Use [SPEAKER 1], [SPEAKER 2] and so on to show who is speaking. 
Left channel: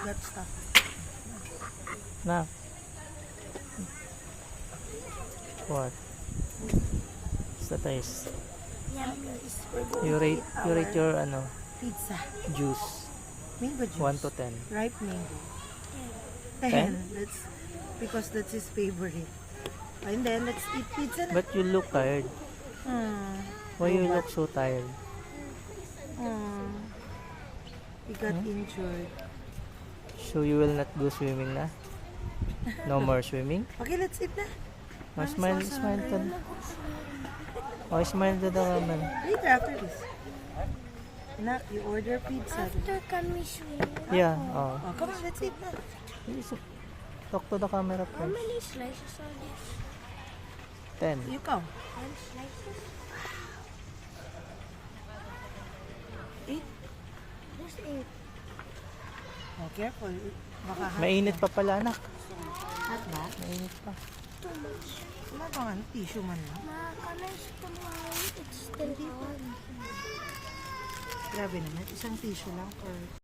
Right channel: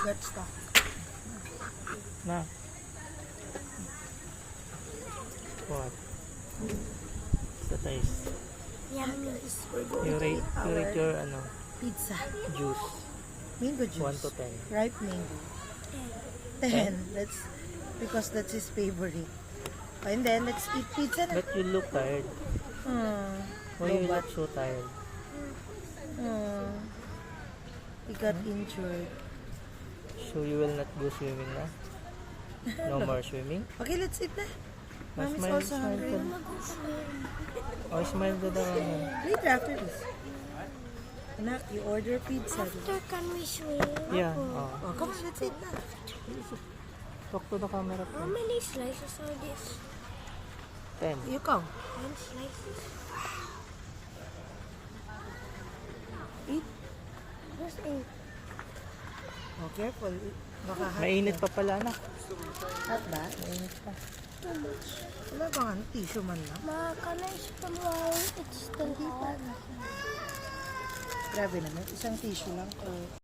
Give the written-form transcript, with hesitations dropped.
[SPEAKER 1] got stuck.
[SPEAKER 2] Na. What? What's the taste?
[SPEAKER 3] Yummy.
[SPEAKER 2] You rate your
[SPEAKER 1] Pizza.
[SPEAKER 2] juice.
[SPEAKER 1] Mango juice.
[SPEAKER 2] 1 to 10.
[SPEAKER 1] Ripe mango.
[SPEAKER 2] 10?
[SPEAKER 1] 10. Because that's his favorite. And then let's eat pizza.
[SPEAKER 2] But you look tired. Why you look so tired?
[SPEAKER 1] He got injured.
[SPEAKER 2] So you will not go swimming na? No more swimming?
[SPEAKER 1] Okay, let's eat na.
[SPEAKER 2] Oh, smile ka. Oh, smile ka daw naman.
[SPEAKER 1] Later after this. Anak, you order pizza.
[SPEAKER 3] After can we swim?
[SPEAKER 2] Yeah.
[SPEAKER 1] Oh, come on, let's eat na.
[SPEAKER 2] Talk to the camera
[SPEAKER 3] How
[SPEAKER 2] first.
[SPEAKER 3] many slices are this?
[SPEAKER 2] 10.
[SPEAKER 1] You come.
[SPEAKER 3] 1 slices?
[SPEAKER 1] Eat.
[SPEAKER 3] Just 8.
[SPEAKER 1] Oh, careful. Baka hot.
[SPEAKER 2] Mainit pa pala na.
[SPEAKER 1] Hot ba?
[SPEAKER 2] Mainit pa.
[SPEAKER 3] Too much.
[SPEAKER 1] Wala bang tissue man na?
[SPEAKER 3] Ma, can I spin while it's still hot?
[SPEAKER 1] Grabe naman. Isang tissue lang. Or